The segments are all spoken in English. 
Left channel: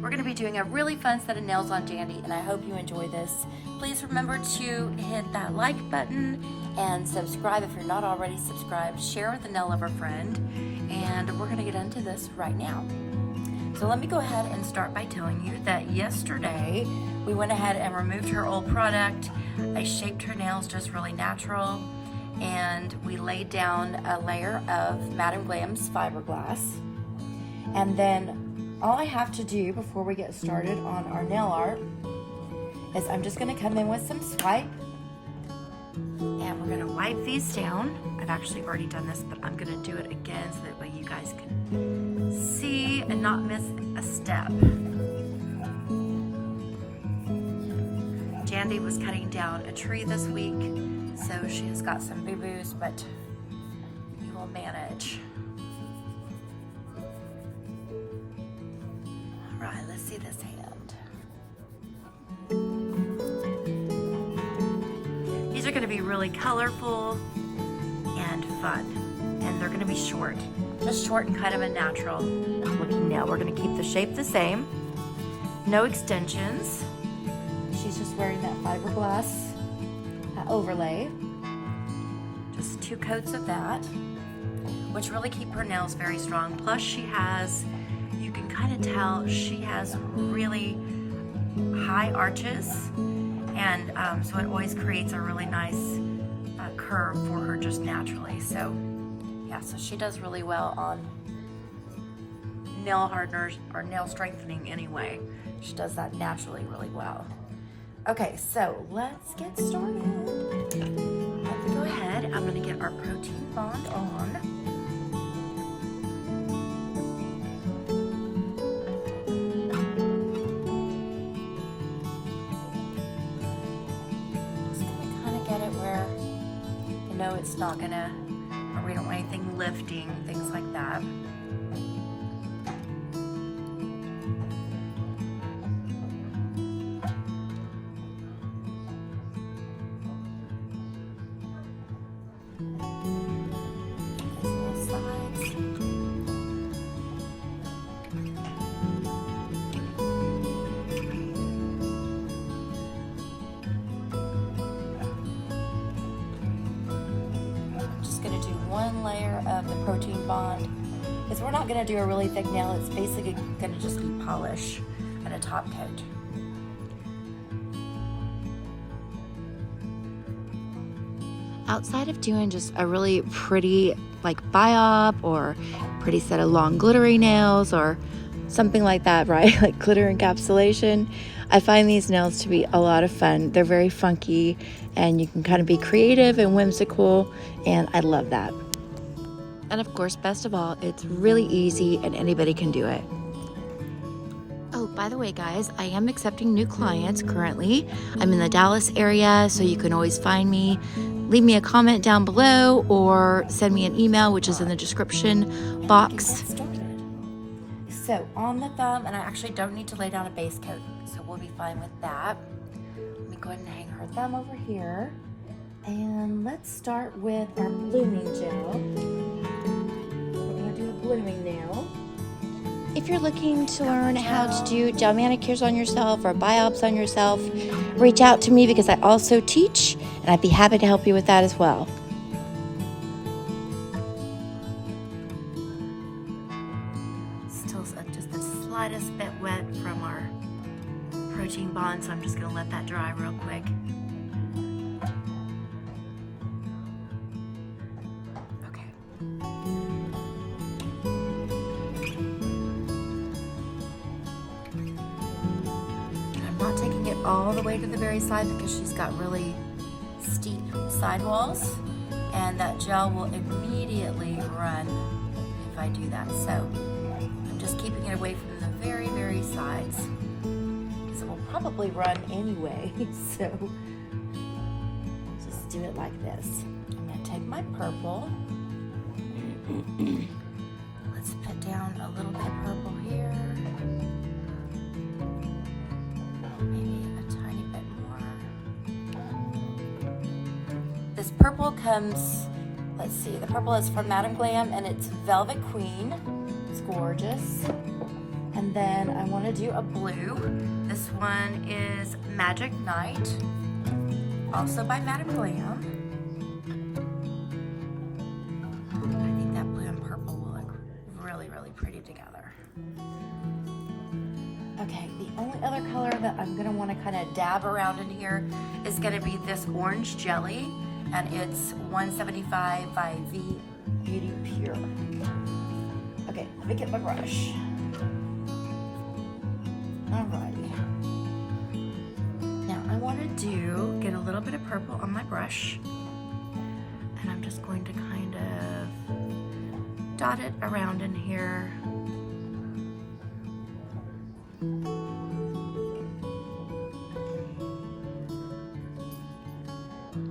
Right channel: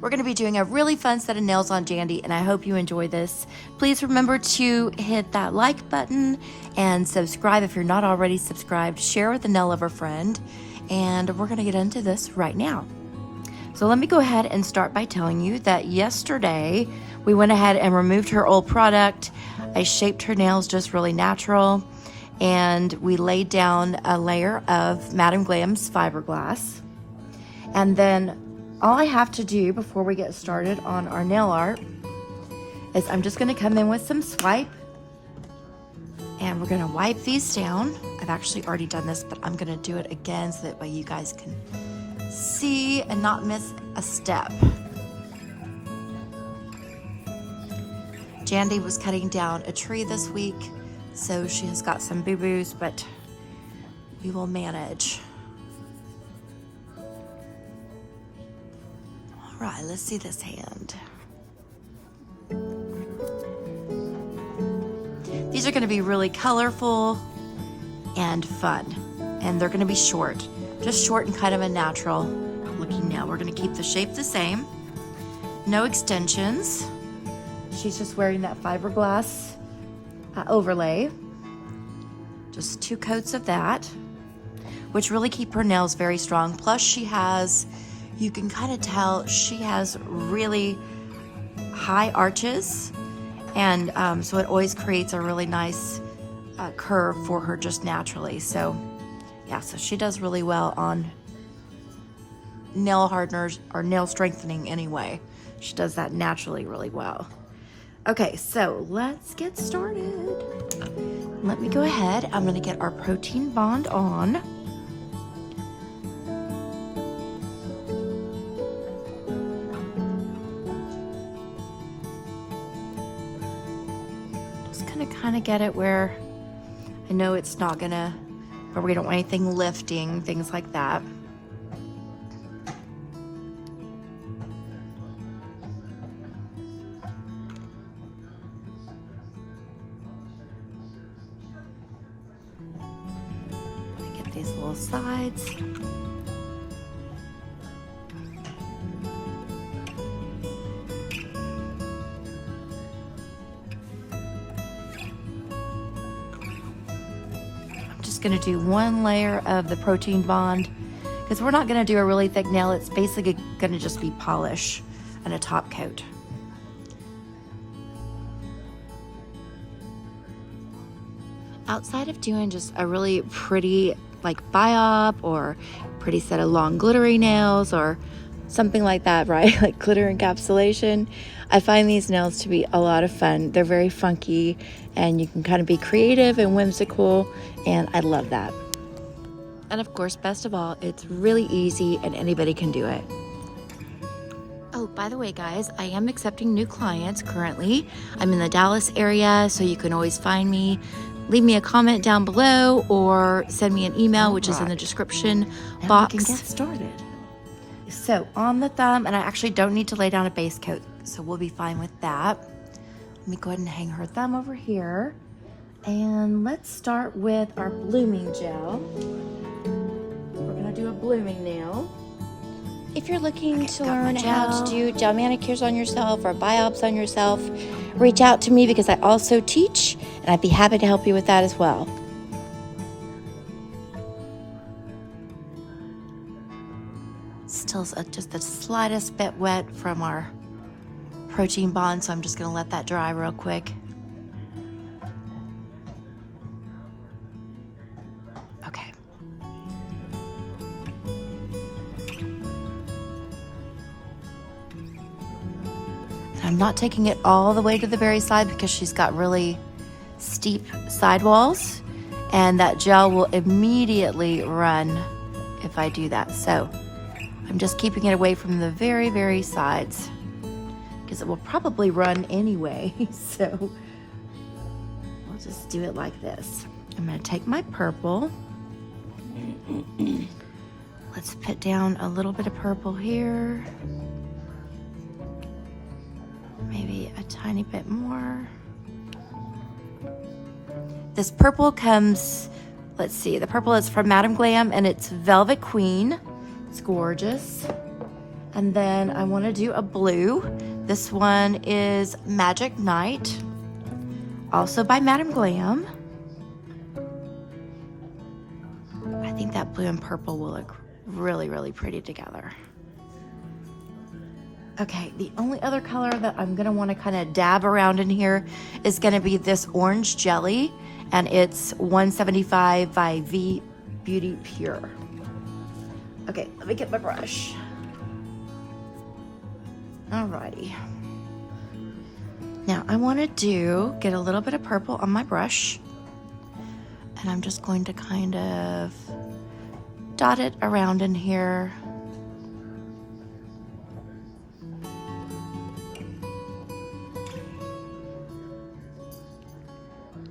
we're going to be doing a really fun set of nails on Jandy, and I hope you enjoy this. Please remember to hit that like button and subscribe if you're not already subscribed. Share with a nail lover friend, and we're going to get into this right now. So let me go ahead and start by telling you that yesterday we went ahead and removed her old product. I shaped her nails just really natural, and we laid down a layer of Madam Glam's fiberglass. And then all I have to do before we get started on our nail art is I'm just gonna come in with some swipe, and we're gonna wipe these down. I've actually already done this, but I'm gonna do it again so that way you guys can see and not miss a step. Jandy was cutting down a tree this week, so she's got some boo-boos, but we will manage. All right, let's see this hand. These are gonna be really colorful and fun, and they're gonna be short. Just short and kind of a natural looking nail. We're gonna keep the shape the same. No extensions. She's just wearing that fiberglass overlay. Just 2 coats of that, which really keep her nails very strong. Plus she has, you can kind of tell, she has really high arches, and so it always creates a really nice curve for her just naturally. So yeah, so she does really well on nail hardeners or nail strengthening anyway. She does that naturally really well. Okay, so let's get started. Let me go ahead. I'm gonna get our protein bond on. Just gonna kind of get it where I know it's not gonna, or we don't want anything lifting, things like that. Get these little sides. Going to do 1 layer of the protein bond because we're not going to do a really thick nail. It's basically going to just be polish and a top coat. Outside of doing just a really pretty like biop or pretty set of long glittery nails or something like that, right? Like glitter encapsulation. I find these nails to be a lot of fun. They're very funky, and you can kind of be creative and whimsical, and I love that. And of course, best of all, it's really easy and anybody can do it. Oh, by the way, guys, I am accepting new clients currently. I'm in the Dallas area, so you can always find me. Leave me a comment down below or send me an email, which is in the description box. Get started. So on the thumb, and I actually don't need to lay down a base coat, so we'll be fine with that. Let me go ahead and hang her thumb over here. And let's start with our blooming gel. We're gonna do a blooming nail. If you're looking to learn how to do gel manicures on yourself or biops on yourself, reach out to me because I also teach, and I'd be happy to help you with that as well. Still just the slightest bit wet from our protein bond, so I'm just gonna let that dry real quick. Okay. I'm not taking it all the way to the very side because she's got really steep sidewalls, and that gel will immediately run if I do that. So I'm just keeping it away from the very, very sides because it will probably run anyway. So we'll just do it like this. I'm gonna take my purple. Let's put down a little bit of purple here. Maybe a tiny bit more. This purple comes, let's see, the purple is from Madam Glam and it's Velvet Queen. It's gorgeous. And then I want to do a blue. This one is Magic Night, also by Madame Glam. I think that blue and purple will look really, really pretty together. Okay, the only other color that I'm gonna want to kind of dab around in here is gonna be this orange jelly, and it's 175 by V Beauty Pure. Okay, let me get my brush. Alrighty. Now I want to get a little bit of purple on my brush, and I'm just going to kind of dot it around in here.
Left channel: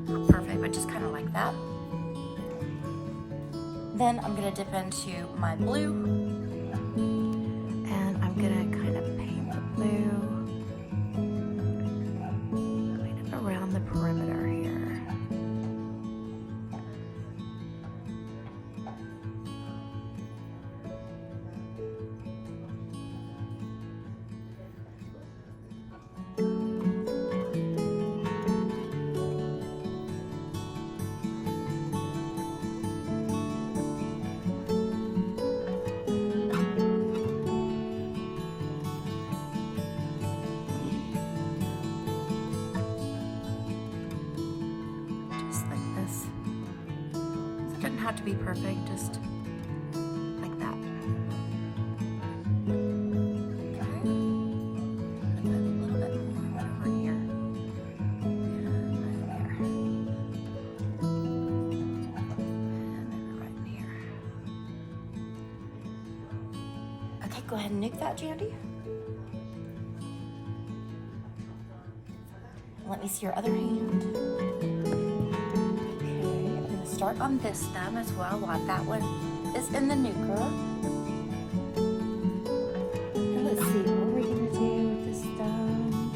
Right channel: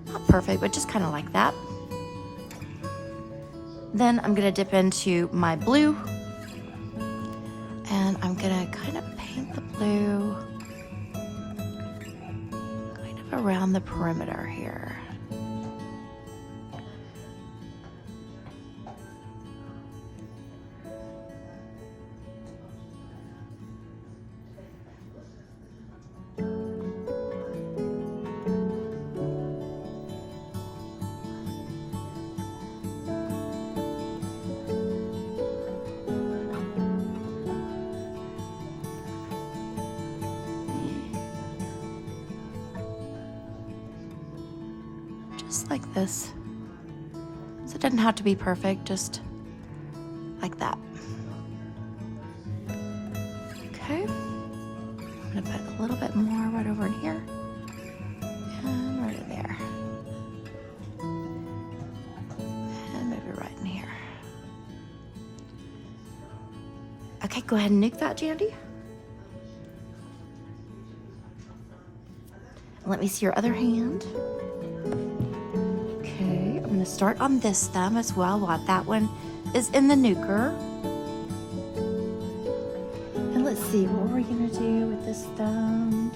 Not perfect, but just kind of like that. Then I'm gonna dip into my blue, and I'm gonna kind of paint the blue kind of around the perimeter here. Just like this. So it doesn't have to be perfect, just like that. Okay. I'm gonna put a little bit more right over in here. And right in there. And maybe right in here. Okay, go ahead and nuke that, Jandy. Let me see your other hand. I'm gonna start on this thumb as well, while that one is in the nuker. And let's see, what we're gonna do with this thumb.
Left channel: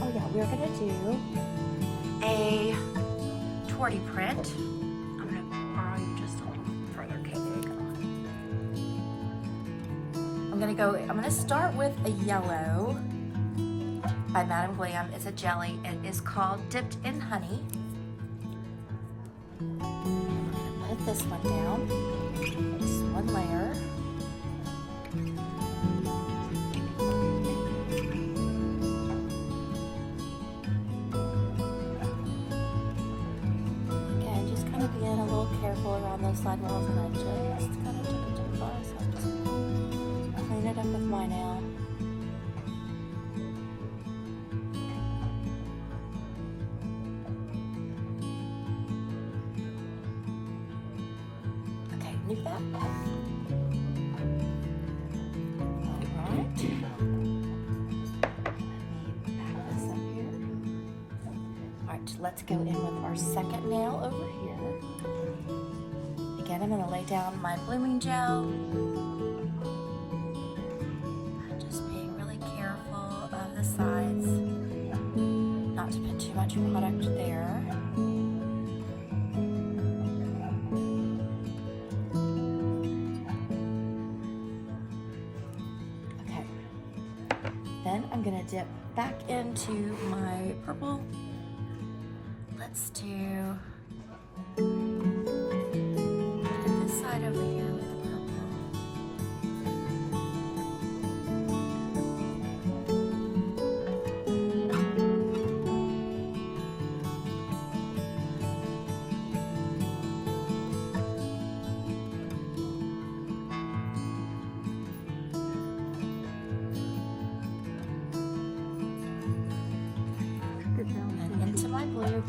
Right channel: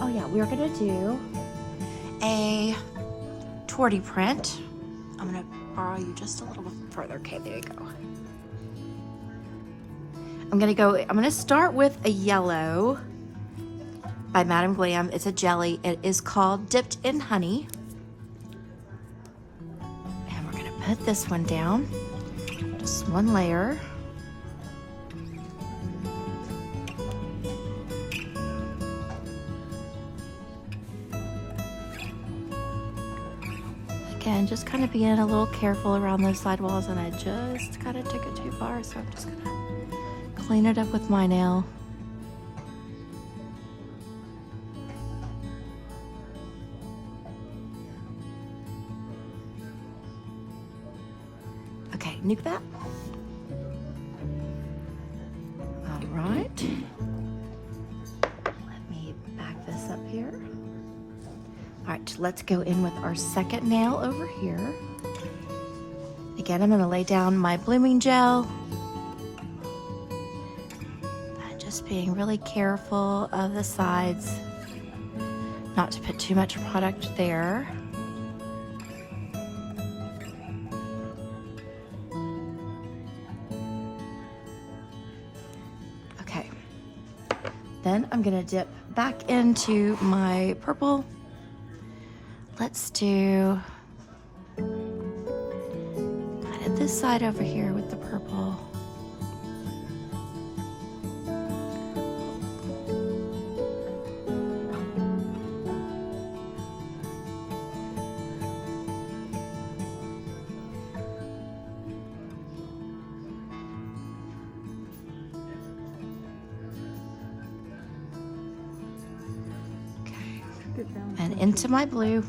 Oh yeah, we're gonna do a torty print. I'm gonna borrow you just a little further. Okay, there you go. I'm gonna start with a yellow by Madame Glam. It's a jelly. It is called Dipped in Honey. Put this one down, just one layer. Again, just kind of being a little careful around those side walls, and I just kind of took it too far, so I'm just gonna clean it up with my nail. Nuke that. All right. Let me back this up here. All right, let's go in with our second nail over here. Again, I'm gonna lay down my blooming gel. And just being really careful of the sides, not to put too much product there. Then I'm gonna dip back into my purple. Let's do this side over here with the purple. And into my blue.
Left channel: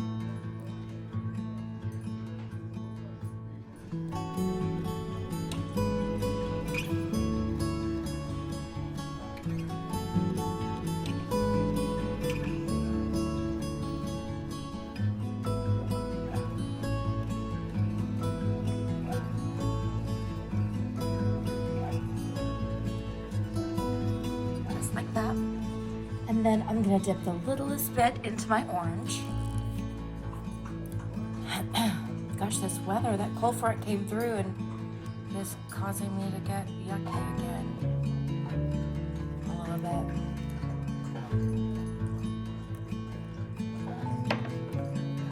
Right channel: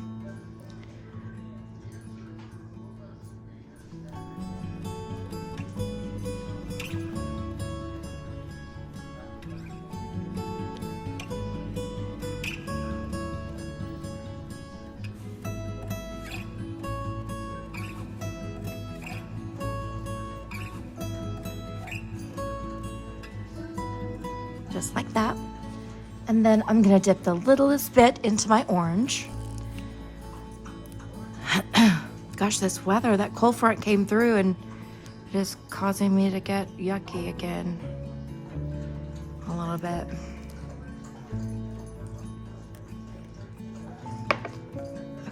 Just like that. And then I'm gonna dip the littlest bit into my orange. Gosh, this weather, that cold front came through and it is causing me to get yucky again. bit.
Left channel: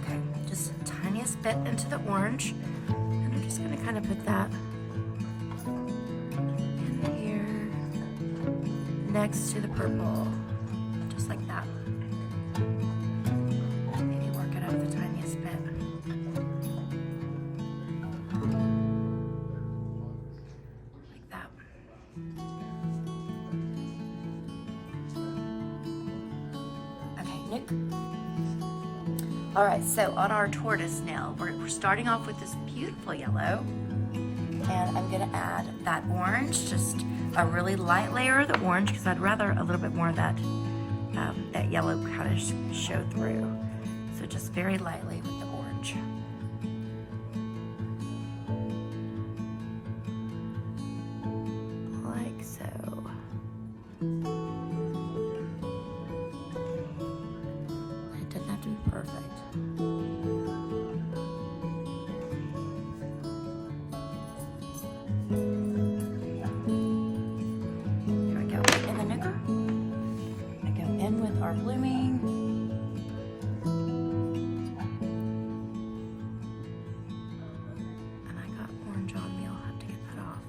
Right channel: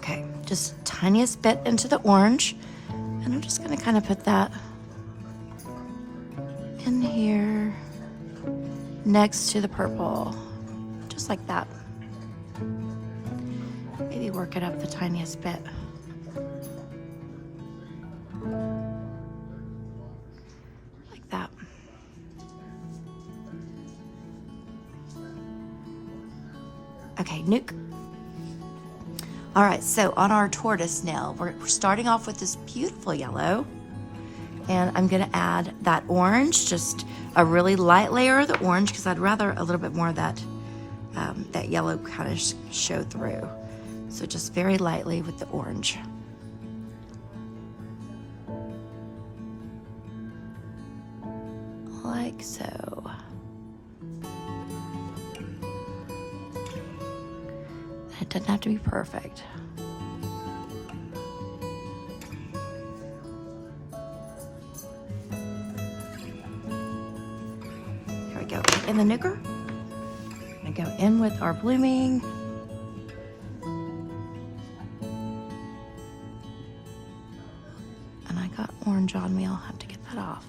Okay, just tiniest bit into the orange. And I'm just gonna kind of put that in here next to the purple, just like that. Maybe work it up the tiniest bit. Like that. Okay, nuke. All right, so on our tortoise nail, we're starting off with this beautiful yellow, and I'm gonna add that orange, just a really light layer of the orange, because I'd rather a little bit more of that, that yellow kind of show through. So just very lightly with the orange. Like so. It doesn't have to be perfect. Here we go. In the nuker, I go in with our blooming. And I got orange on me, I'll have to get that off.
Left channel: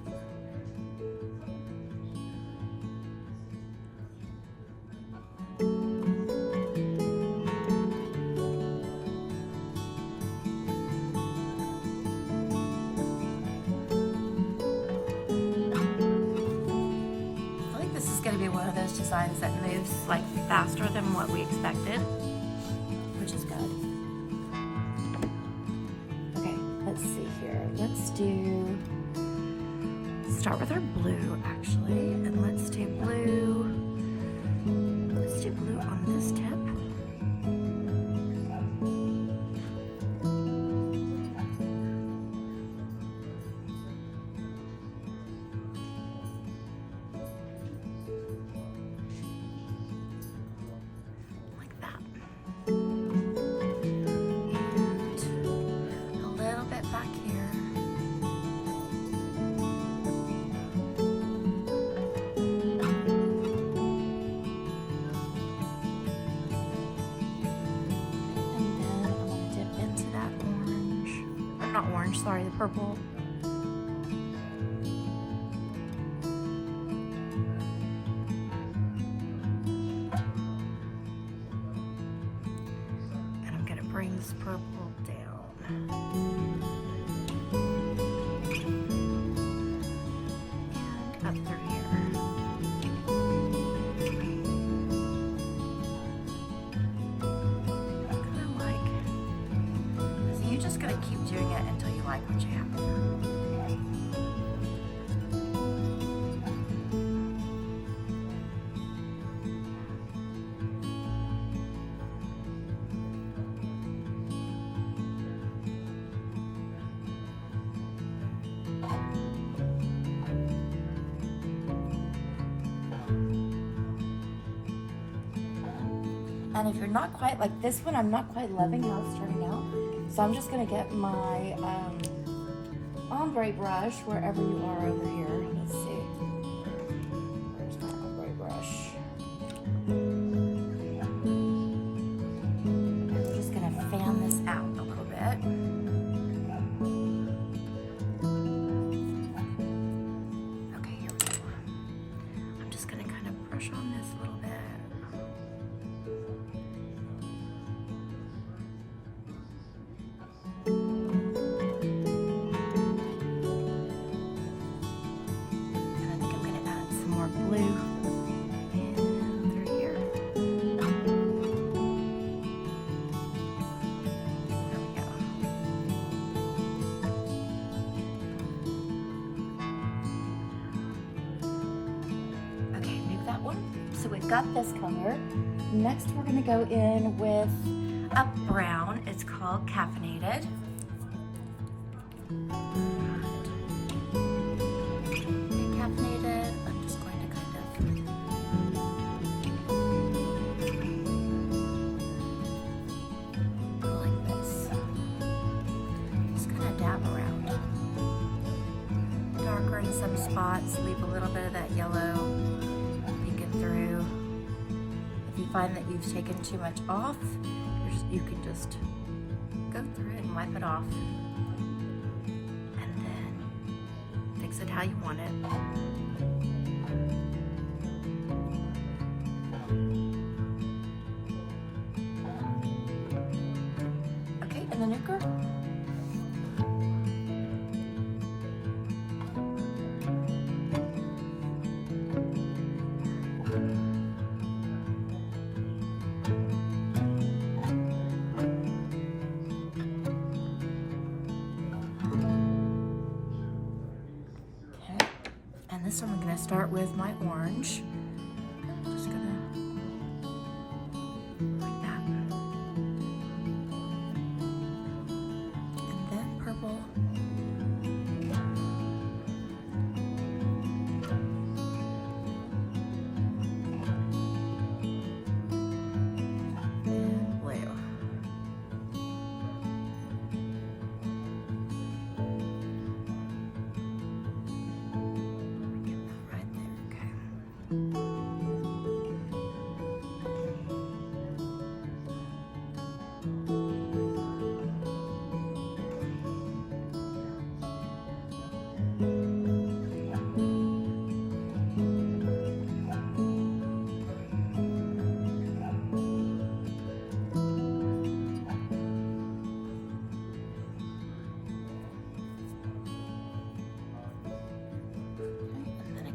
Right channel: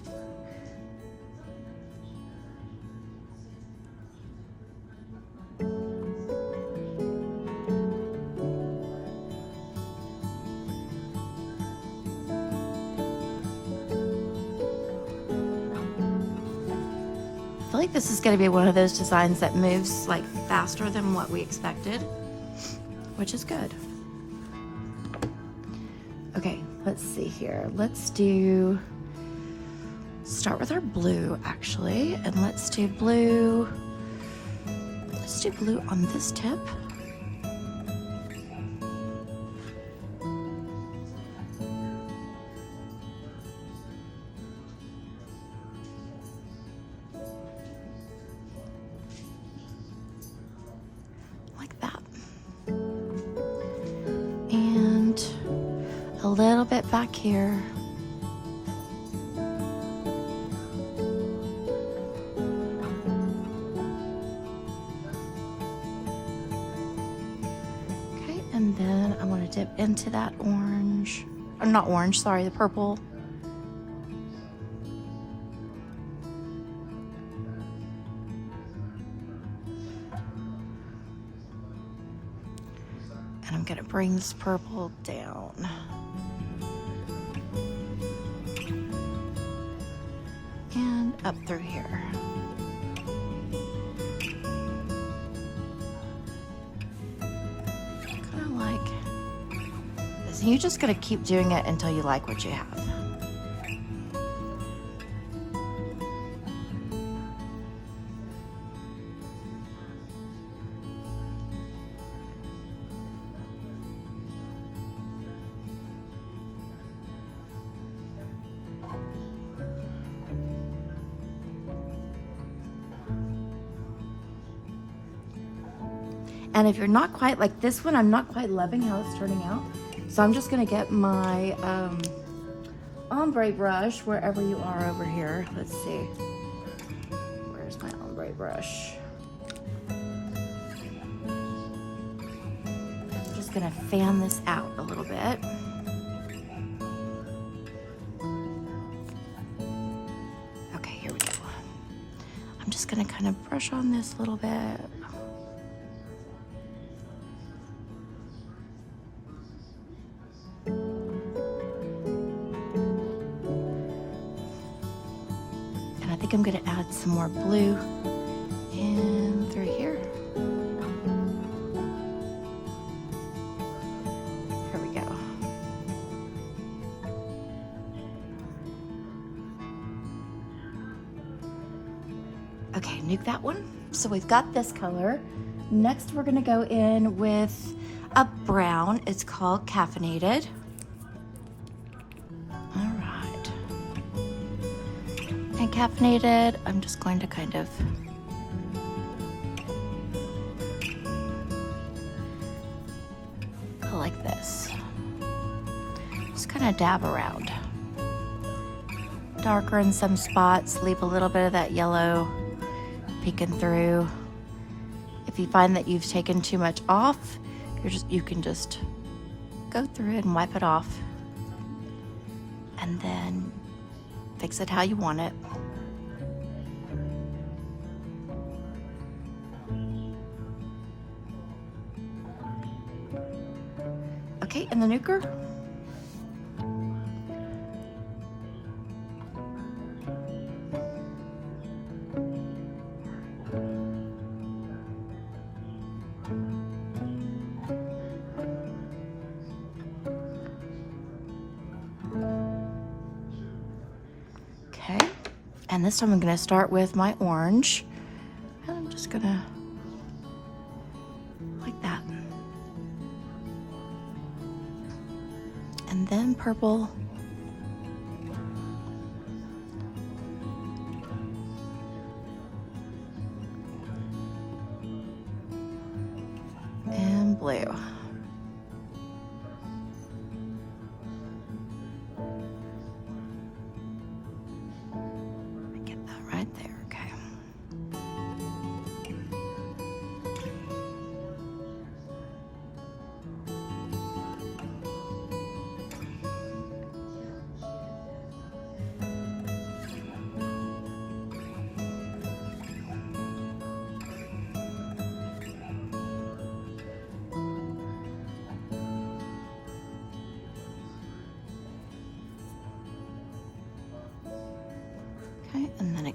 I feel like this is going to be one of those designs that moves like faster than what we expected, which is good. Okay, let's see here. Start with our blue actually, and let's do blue on this tip. A little bit back here. Okay, and then I'm going to dip into that orange, or not orange, sorry, the purple. And I'm going to bring this purple down. Up through here. Kind of like this. You're just gonna keep doing it until you like what you have. And if you're not quite, like this one, I'm not quite loving how it's turning out. So I'm just gonna get my ombre brush wherever you are over here. Let's see. Where's my ombre brush? I'm just gonna fan this out a little bit. Okay, here we go. I'm just gonna kind of brush on this a little bit. I'm going to add some more blue in through here. There we go. Okay, nuke that one. So we've got this color. Next, we're going to go in with a brown. It's called Caffeinated. Caffeinated, I'm just going to kind of go like this. Just kind of dab around. Darker in some spots, leave a little bit of that yellow peeking through. If you find that you've taken too much off, you can just go through it and wipe it off, and then fix it how you want it. Okay, and the nuker. Okay, and this time I'm going to start with my orange. I'm just going to like that. And then purple. And blue.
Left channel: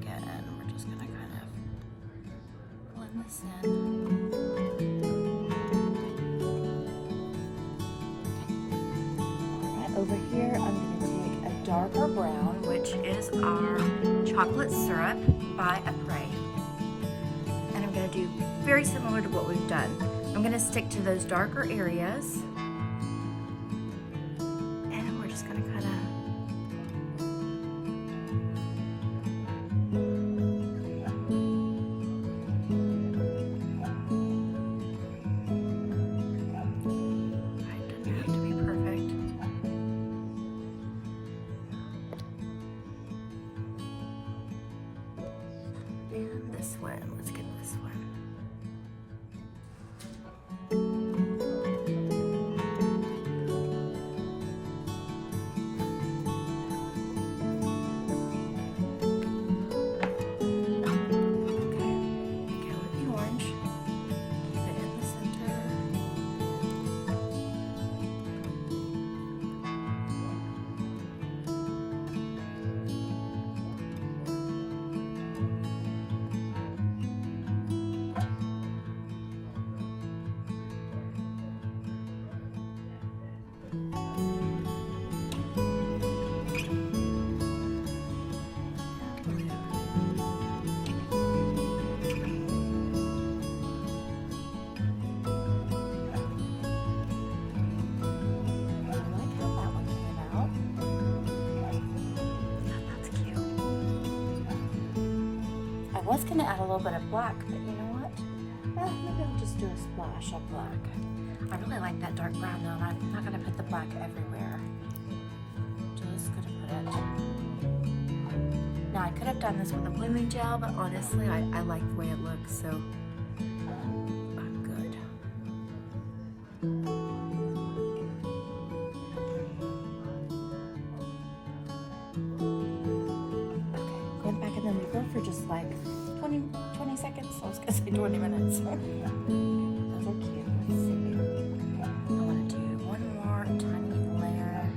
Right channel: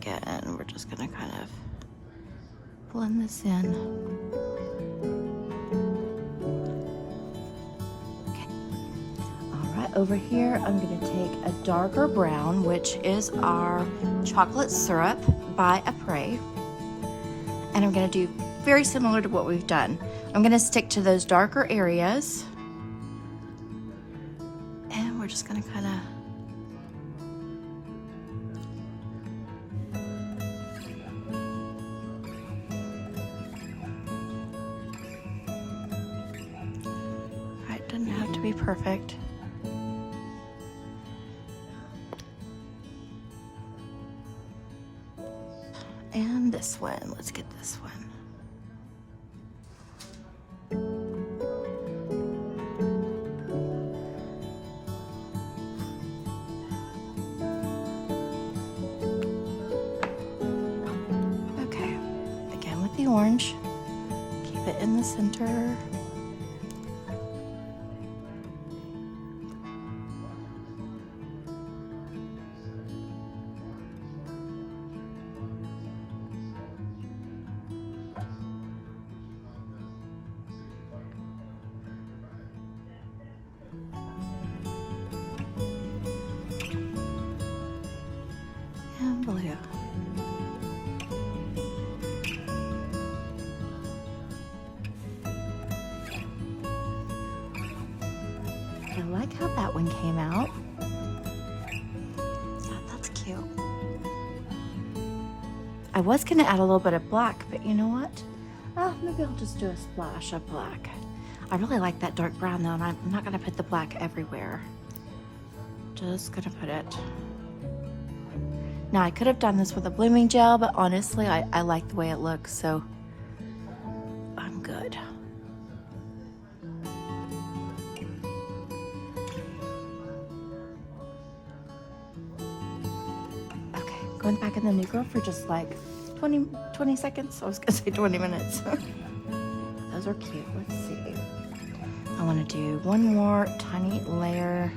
And we're just gonna kind of blend this in. Okay. All right, over here I'm gonna take a darker brown, which is our chocolate syrup by Apres. And I'm gonna do very similar to what we've done. I'm gonna stick to those darker areas. And we're just gonna kind of perfect. And this one, let's get this one. Okay, again with the orange, keep it in the center. I was gonna add a little bit of black, but you know what? Maybe I'll just do a splash of black. I really like that dark brown though, and I'm not gonna put the black everywhere. Just gonna put it. Now I could have done this with a blooming gel, but honestly, I like the way it looks, so I'm good. Okay, going back in the nuker for just like 20 seconds. I was gonna say 20 minutes. Those are cute. Let's see. I want to do one more tiny layer,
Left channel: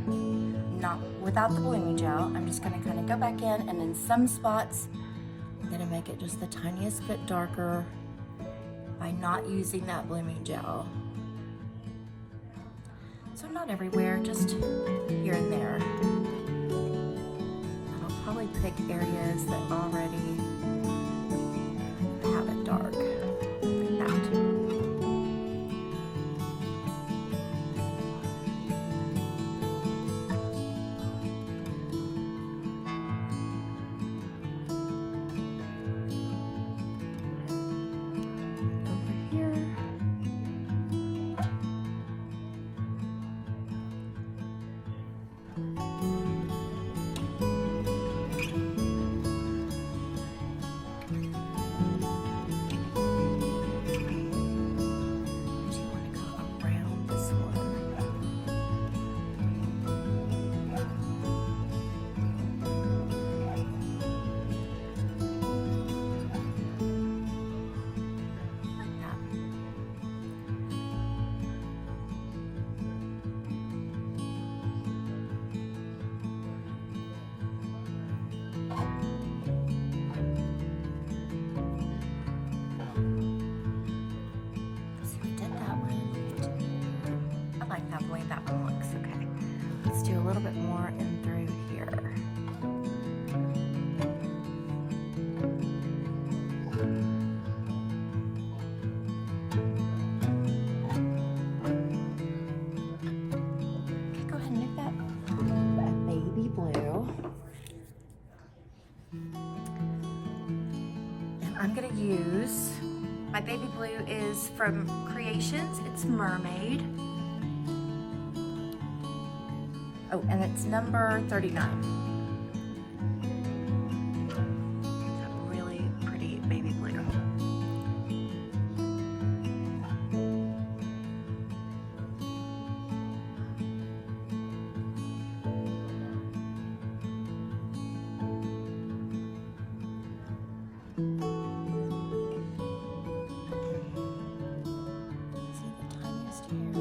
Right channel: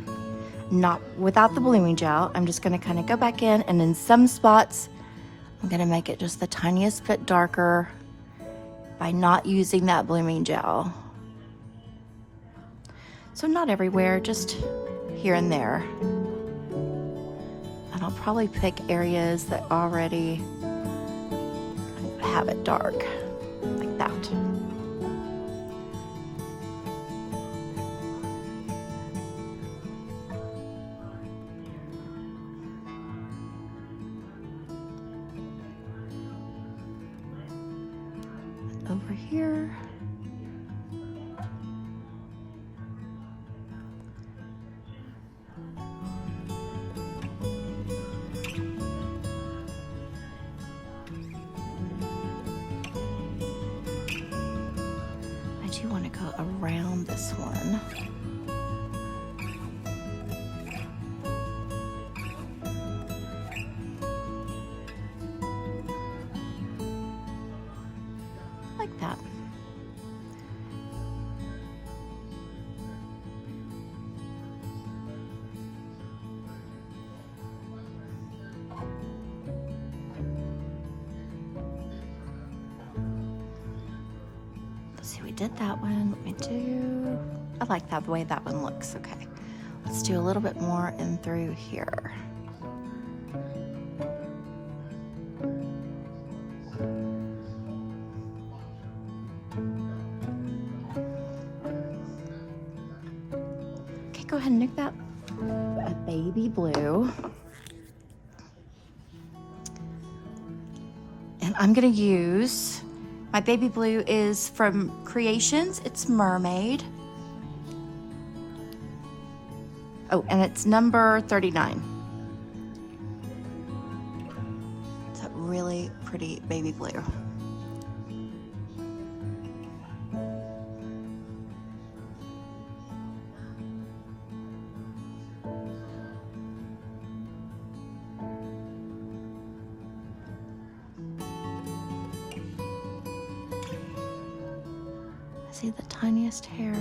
not without the blooming gel. I'm just gonna kind of go back in, and in some spots, I'm gonna make it just the tiniest bit darker by not using that blooming gel. So not everywhere, just here and there. And I'll probably pick areas that already have it dark, like that. Over here. like that, the way that one looks. Okay, let's do a little bit more in through here. Okay, go ahead and nuke that. A baby blue. And I'm gonna use, my baby blue is from Creations, it's Mermaid. Oh, and it's number 39. It's a really pretty baby blue. See the tiniest hair.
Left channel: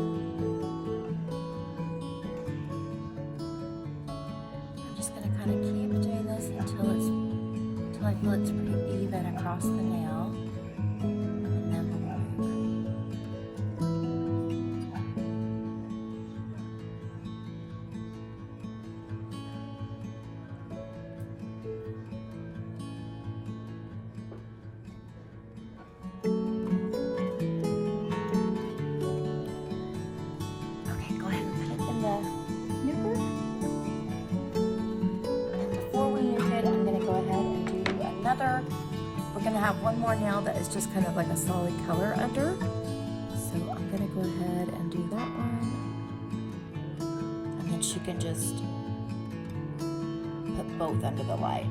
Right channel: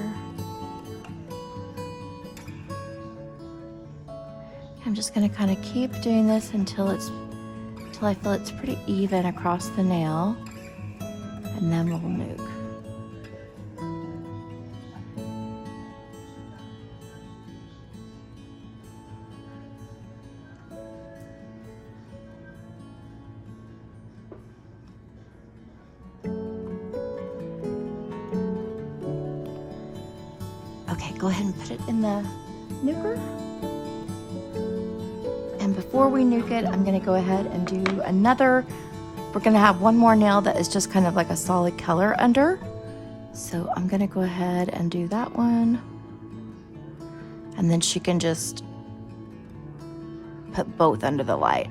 I'm just gonna kind of keep doing this until I feel it's pretty even across the nail, and then we'll nuke. Okay, go ahead and put it in the nuker. Before we nuke it, I'm gonna go ahead and do another. We're gonna have one more nail that is just kind of like a solid color under. So I'm gonna go ahead and do that one. And then she can just put both under the light.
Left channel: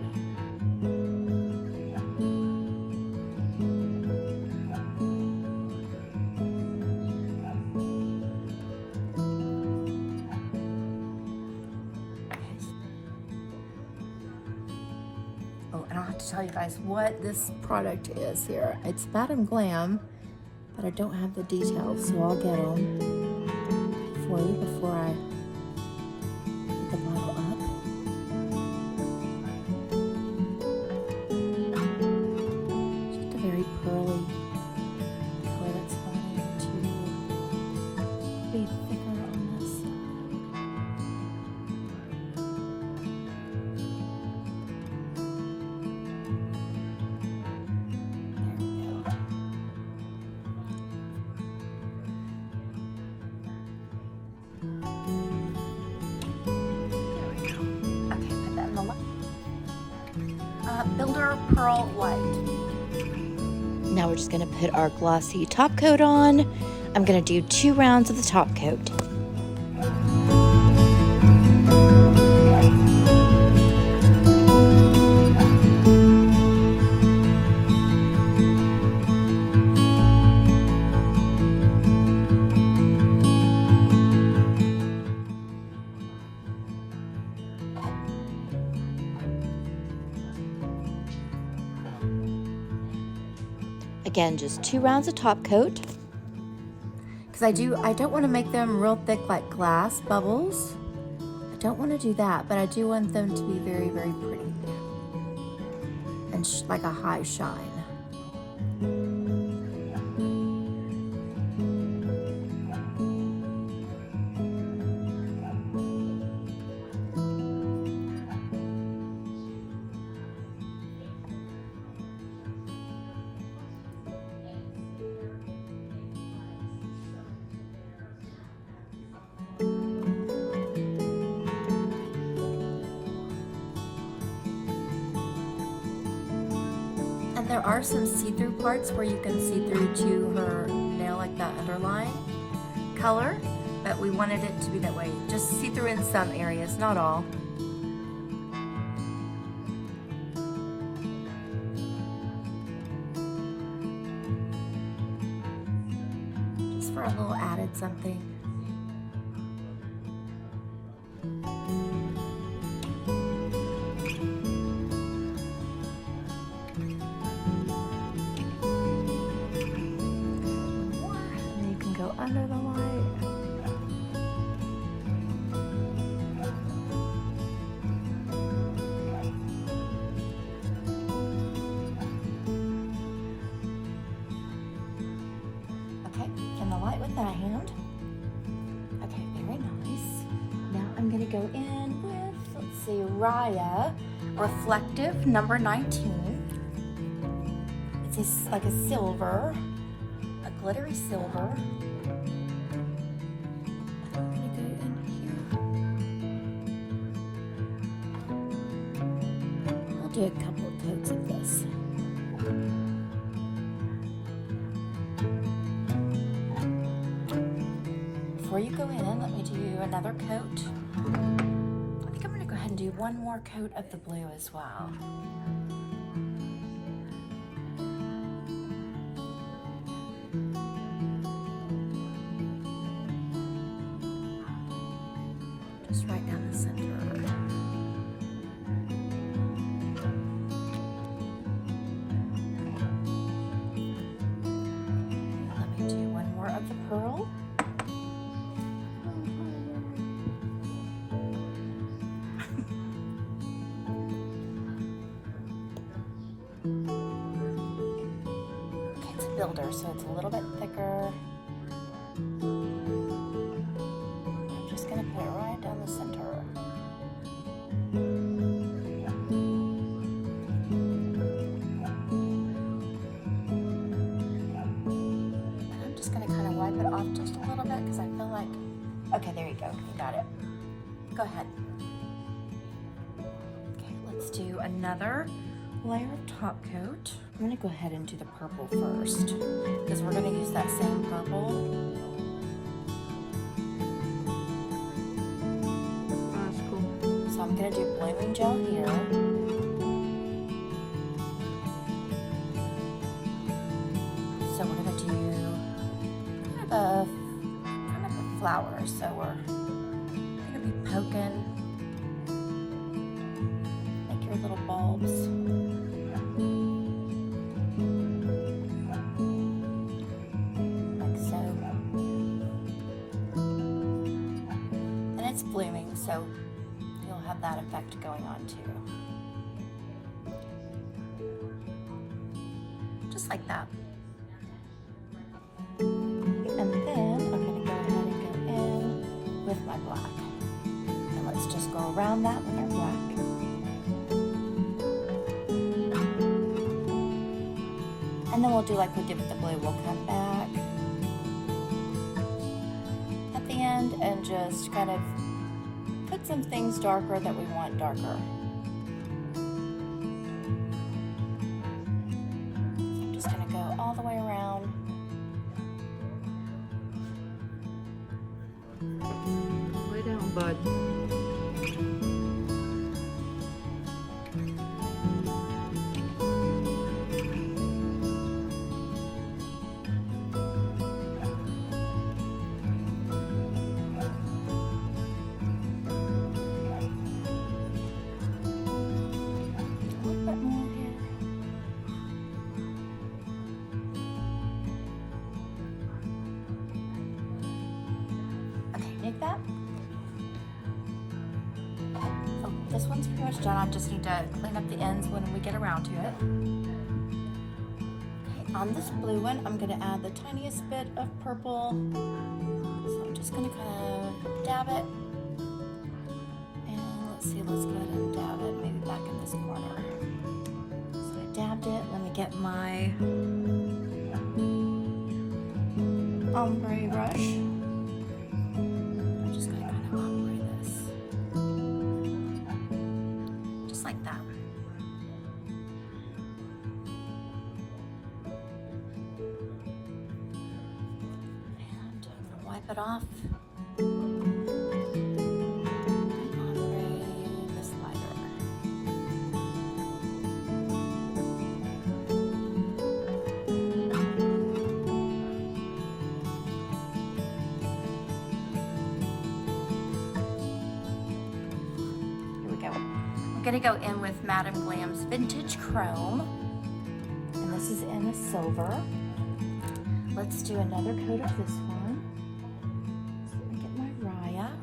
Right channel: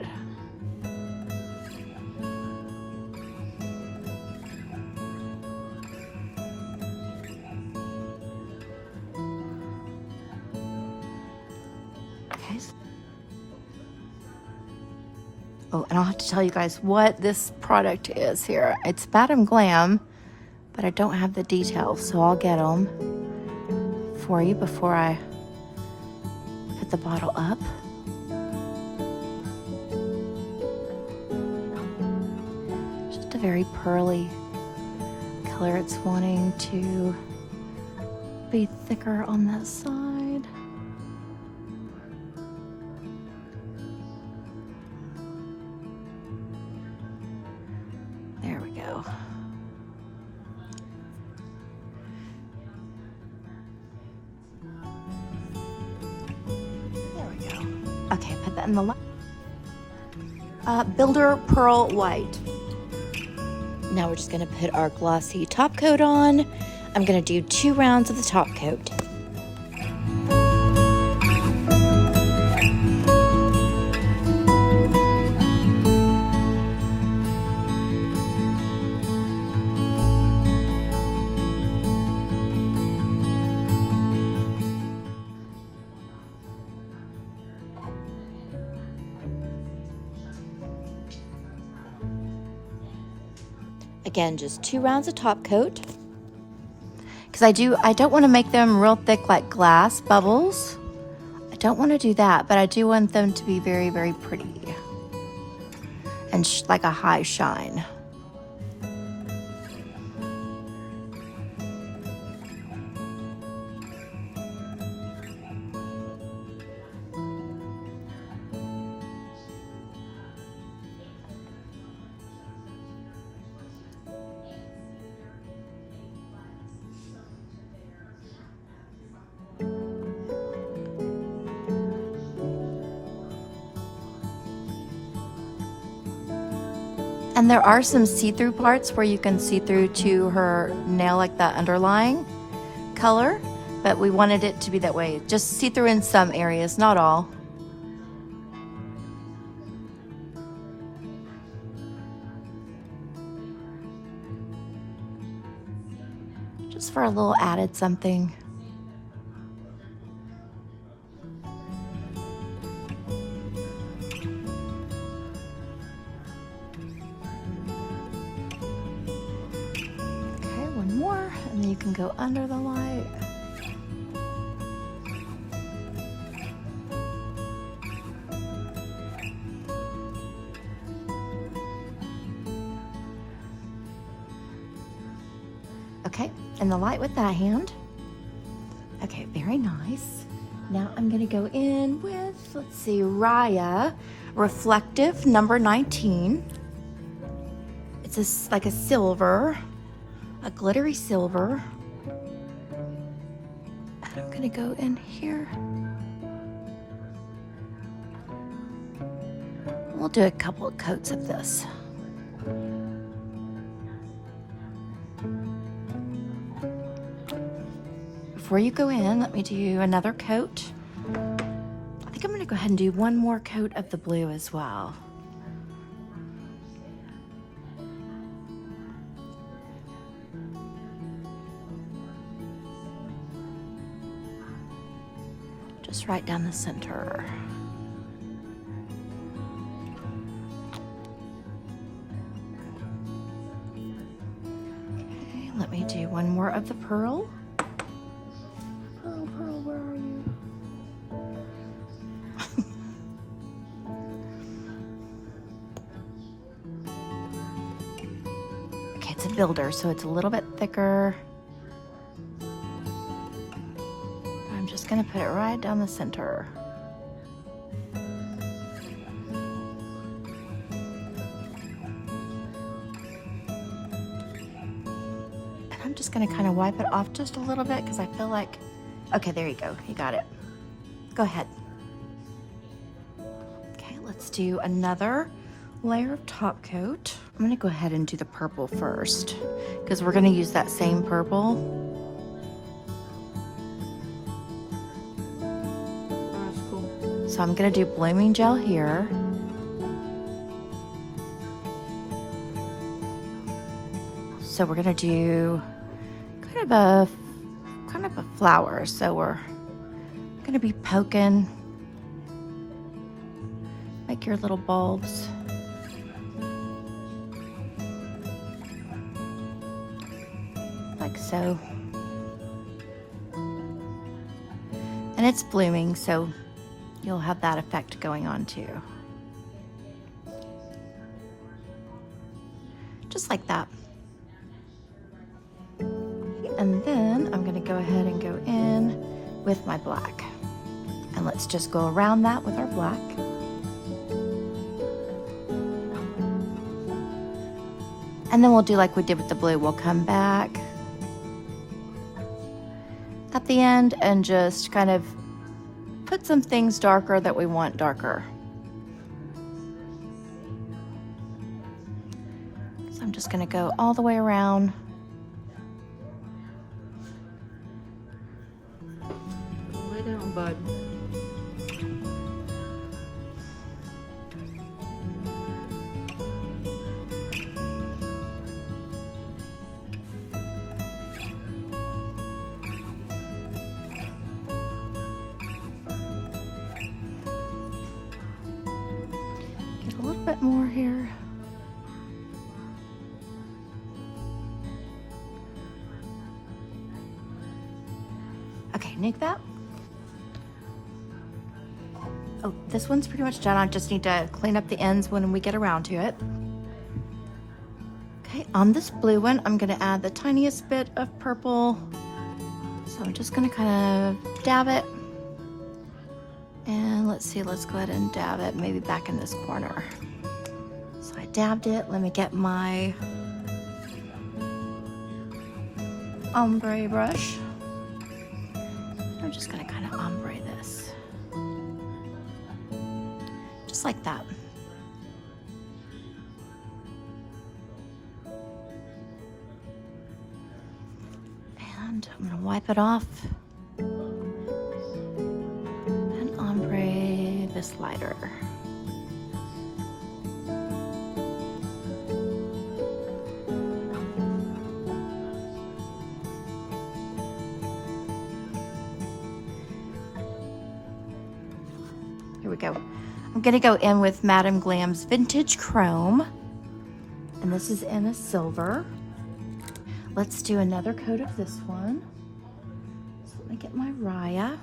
Oh, and I'll have to tell you guys what this product is here. It's Madam Glam, but I don't have the details, so I'll get them for you before I put the bottle up. Just a very pearly color. It's wanting to be thicker on that side. Builder Pearl White. Now we're just gonna put our glossy top coat on. I'm gonna do 2 rounds of the top coat. Again, just 2 rounds of top coat. Because I don't want to make them real thick like glass bubbles. I don't want to do that, but I do want them to be very, very pretty. And like a high shine. And there are some see-through parts where you can see through to her nail, like that underlying color, but we wanted it to be that way. Just see through in some areas, not all. Just for a little added something. Go under the light. Okay, and the light with that hand. Okay, Very nice. Now I'm gonna go in with, let's see, Raya Reflective number 19. It's like a silver, a glittery silver. And I'm gonna go in here. We'll do a couple of coats of this. Before you go in, let me do another coat. I think I'm gonna go ahead and do one more coat of the blue as well. Just right down the center. Let me do one more of the pearl. Okay, it's a builder, so it's a little bit thicker. Gonna put it right down the center. And I'm just gonna kind of wipe it off just a little bit because I feel like, okay, there you go, you got it. Go ahead. Okay, let's do another layer of top coat. I'm gonna go ahead and do the purple first because we're gonna use that same purple. So I'm gonna do blooming gel here. So we're gonna do kind of a flower. So we're gonna be poking, make your little bulbs. Like so. And it's blooming, so you'll have that effect going on too. Just like that. And then I'm gonna go ahead and go in with my black. And let's just go around that with our black. And then we'll do like we did with the blue. We'll come back at the end and just kind of put some things darker that we want darker. So I'm just gonna go all the way around. Lay down, bud. More here. Okay, make that. Oh, this one's pretty much done. I just need to clean up the ends when we get around to it. Okay, on this blue one, I'm gonna add the tiniest bit of purple. So I'm just gonna kind of dab it. And let's see, let's go ahead and dab it maybe back in this corner. Dabbed it. Let me get my ombre brush. I'm just gonna kind of ombre this. Just like that. And I'm gonna wipe it off. And ombre this lighter. I'm gonna go in with Madame Glam's Vintage Chrome, and this is in a silver. Let's do another coat of this one. So let me get my Raya.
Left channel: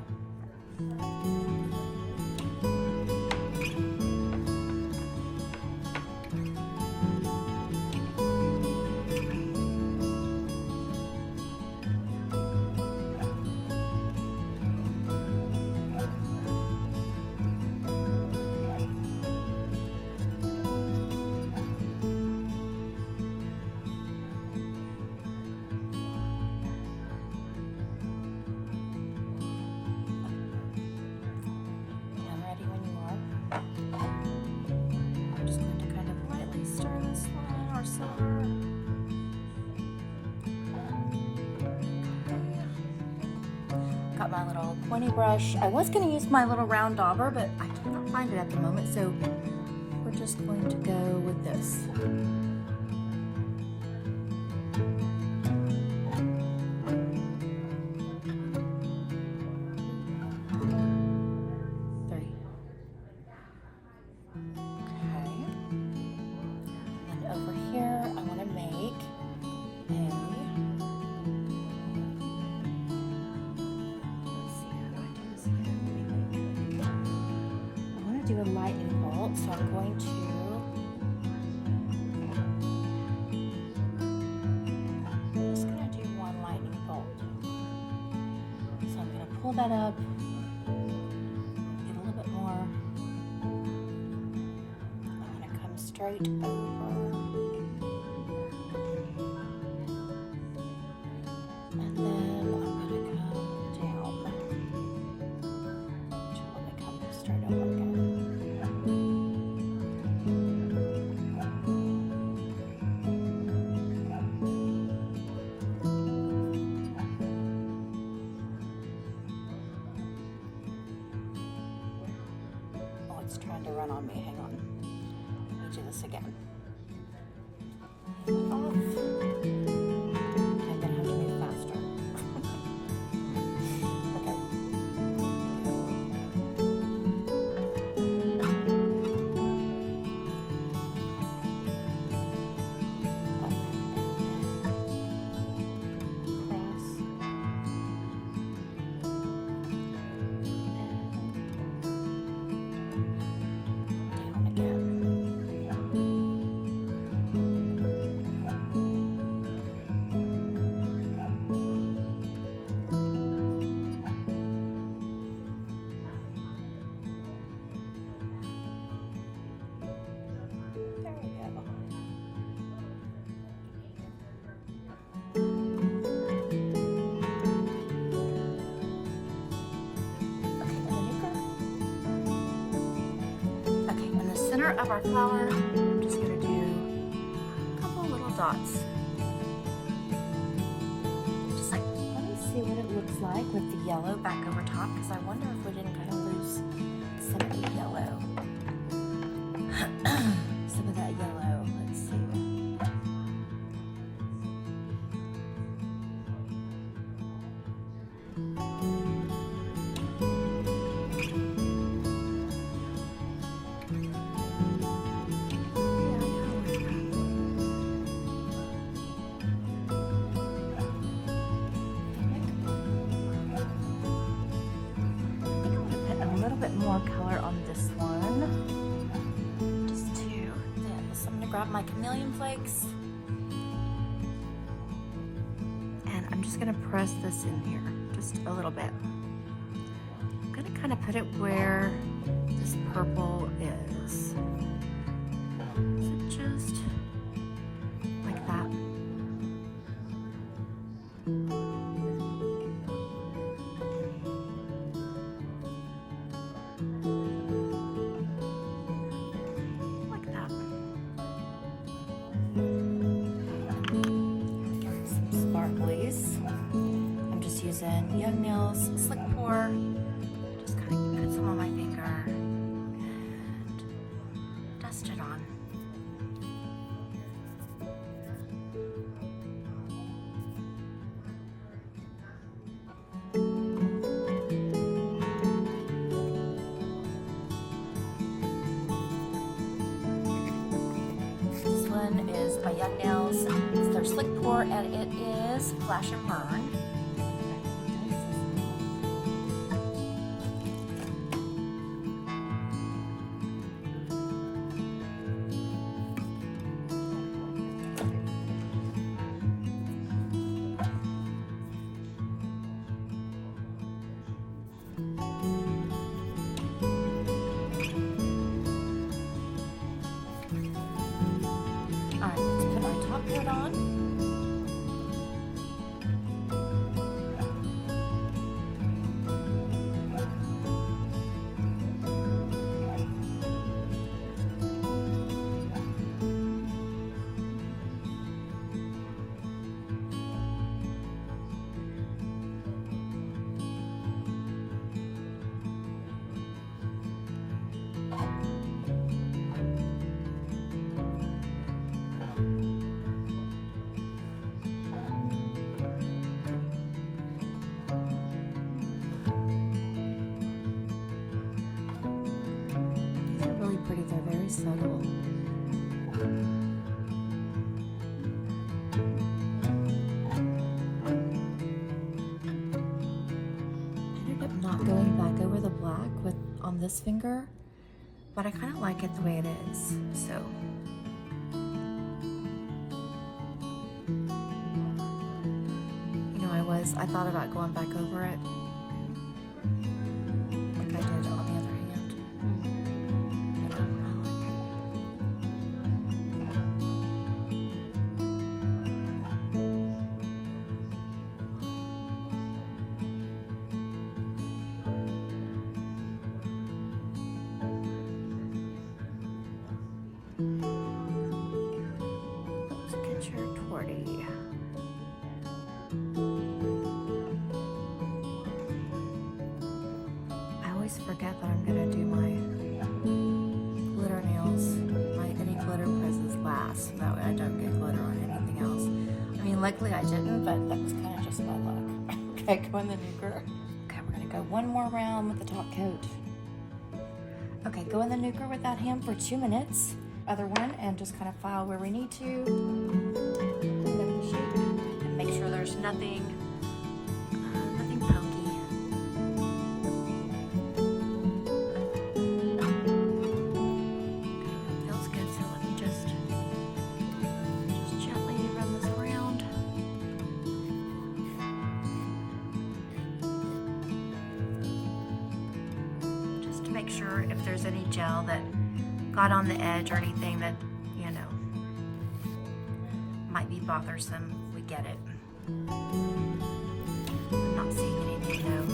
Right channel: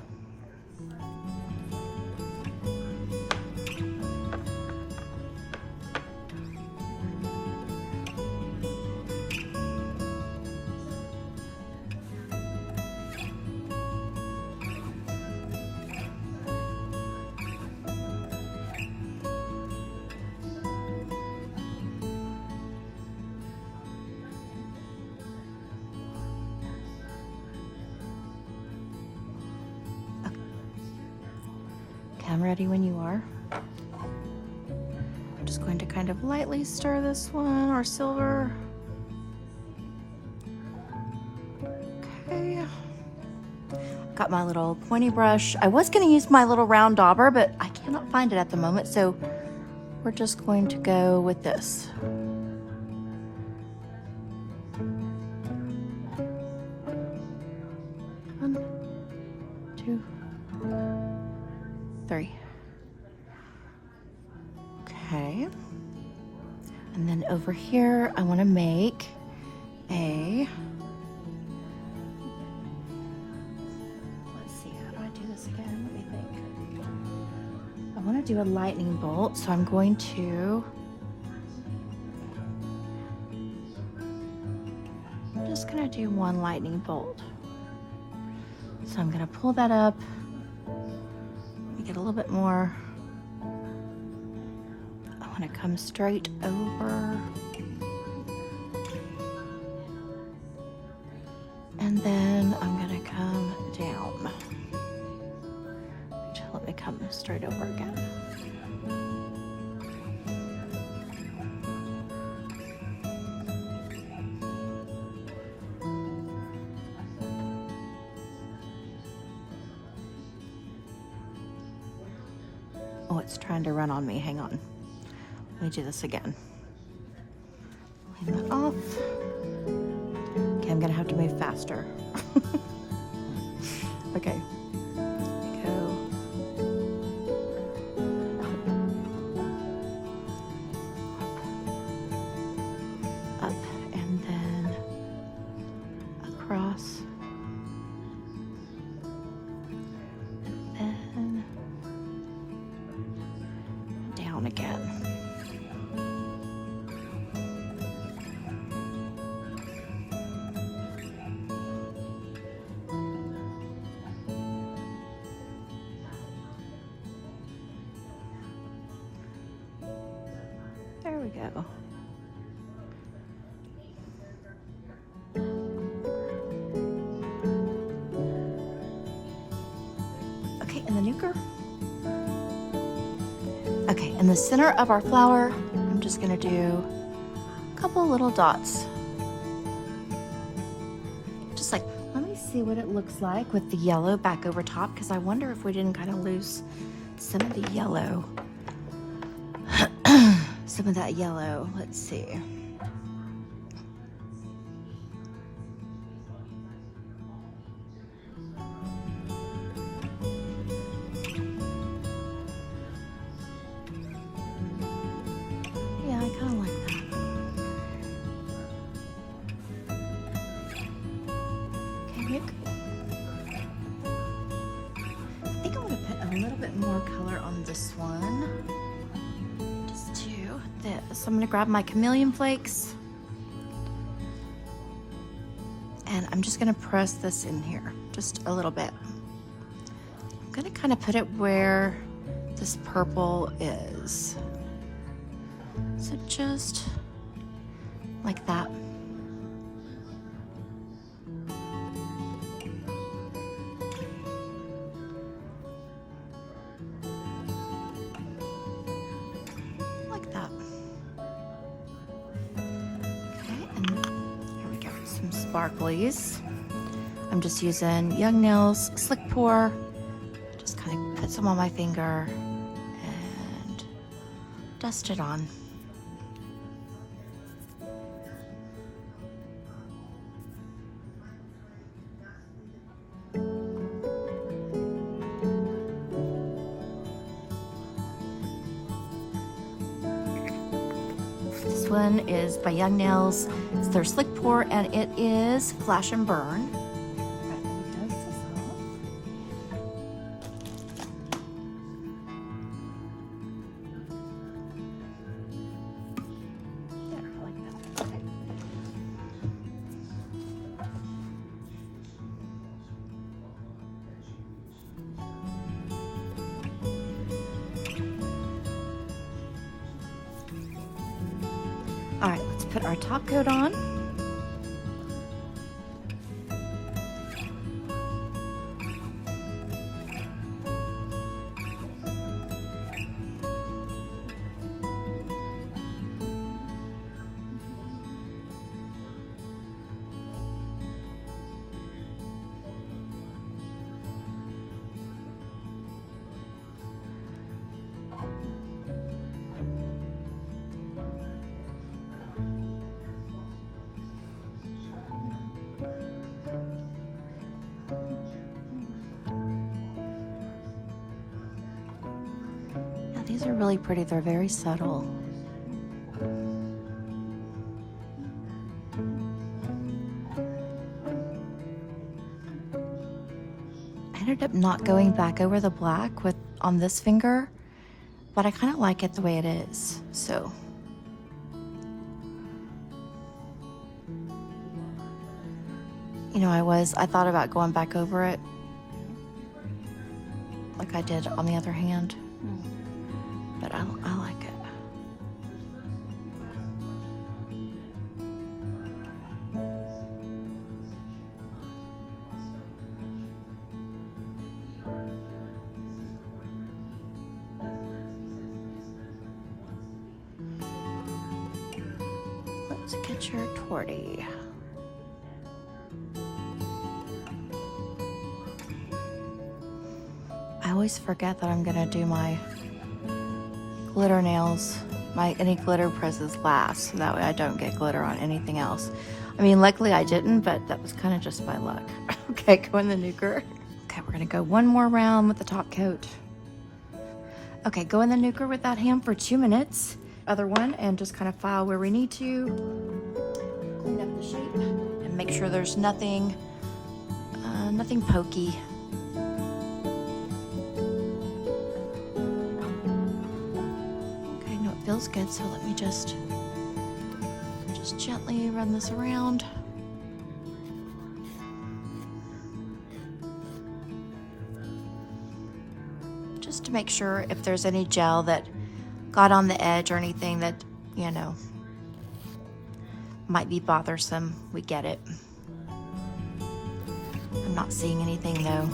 ready when you are. I'm just going to kind of lightly stir this one, our silver. Okay. Got my little pointy brush. I was going to use my little round dauber, but I cannot find it at the moment, so we're just going to go with this. 3. Okay. And then over here, I want to make a, let's see, how do I do this again? What do you think? I want to do a lightning bolt, so I'm going to do one lightning bolt. So I'm going to pull that up, get a little bit more. I want to come straight over. And then I'm going to come down until it comes straight over again. Oh, it's trying to run on me. Hang on. Let me do this again. Turn that off. Okay, I'm gonna have to move faster. Okay. Go. Up and then across. Down again. There we go. Okay, and then you go. Okay, in the center of our flower, I'm just gonna do a couple little dots. Just like, let me see what it looks like with the yellow back over top, because I wonder if we didn't kind of lose some of the yellow. Some of that yellow, let's see. Yeah, I kind of like that. Okay, I think I want to put a little bit more color on this one. Just two. So I'm going to grab my chameleon flakes. And I'm just going to press this in here just a little bit. I'm going to kind of put it where this purple is. So just like that. Like that. Okay, and here we go, some sparklies. I'm just using Young Nails Slick Pour. Just kind of put some on my finger and dust it on. This one is by Young Nails. It's their Slick Pour and it is Flash and Burn. All right, let's put our top coat on. These are really pretty. They're very subtle. I ended up not going back over the black on this finger, but I kind of like it the way it is. So you know, I thought about going back over it like I did on the other hand, but I like it. Let's get your torty. I always forget that I'm gonna do my glitter nails, any glitter presses last, so that way I don't get glitter on anything else. I mean, luckily I didn't, but that was kind of just my luck. Okay, go in the nuker. Okay, we're gonna go one more round with the top coat. Okay, go in the nuker with that hand for 2 minutes. Other one, and just kind of file where we need to. Clean up the shape and make sure there's nothing pokey. Feels good, so let me just gently run this around. Just to make sure if there's any gel that got on the edge or anything that, you know, might be bothersome, we get it. I'm not seeing anything though.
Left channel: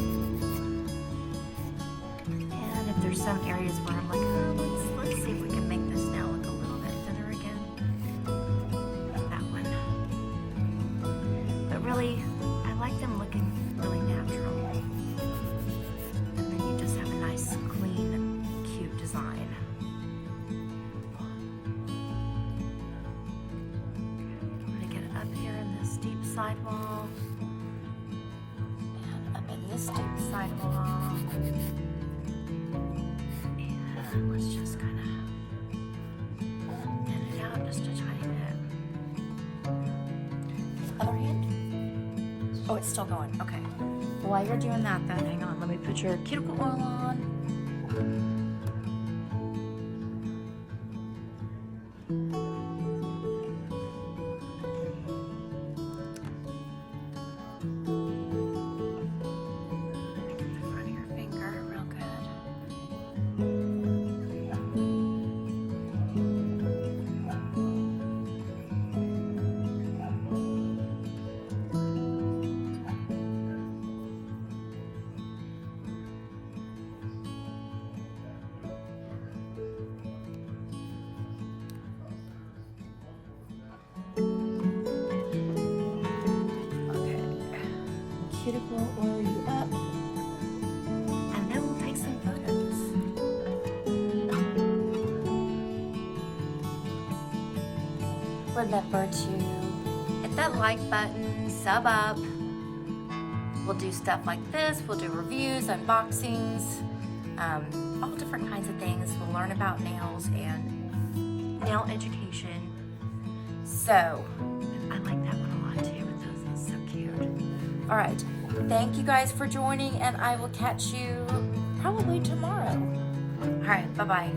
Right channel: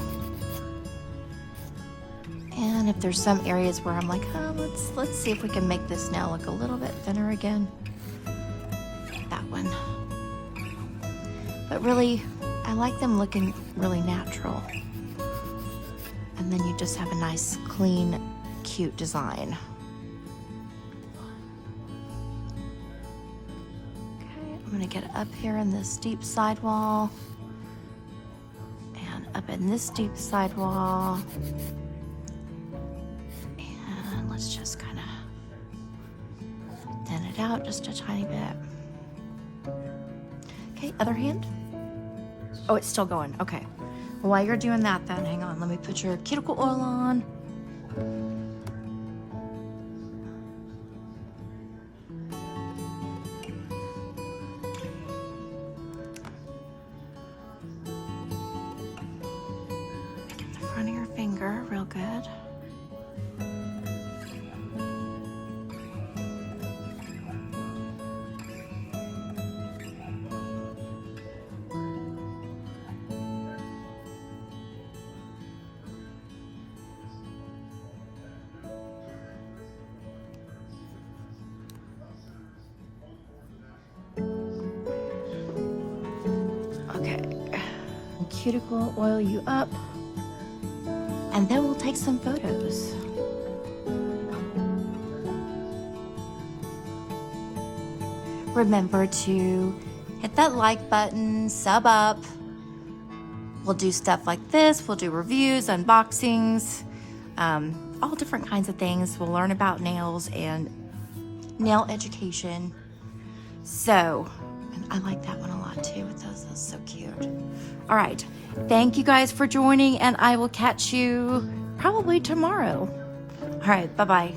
And if there's some areas where I'm like, oh, let's see if we can make this nail look a little bit thinner again. That one. But really, I like them looking really natural. And then you just have a nice, clean, cute design. Okay, I'm gonna get up here in this deep sidewall. And up in this deep sidewall. And let's just kind of thin it out just a tiny bit. Okay, other hand. Oh, it's still going. Okay. While you're doing that, then hang on. Let me put your cuticle oil on. The front of your finger, real good. Cuticle oil you up, and then we'll take some photos. Remember to hit that like button, sub up. We'll do stuff like this. We'll do reviews, unboxings, all different kinds of things. We'll learn about nails and nail education. So I like that one a lot too. It's so cute. All right, thank you guys for joining, and I will catch you probably tomorrow. All right, bye-bye.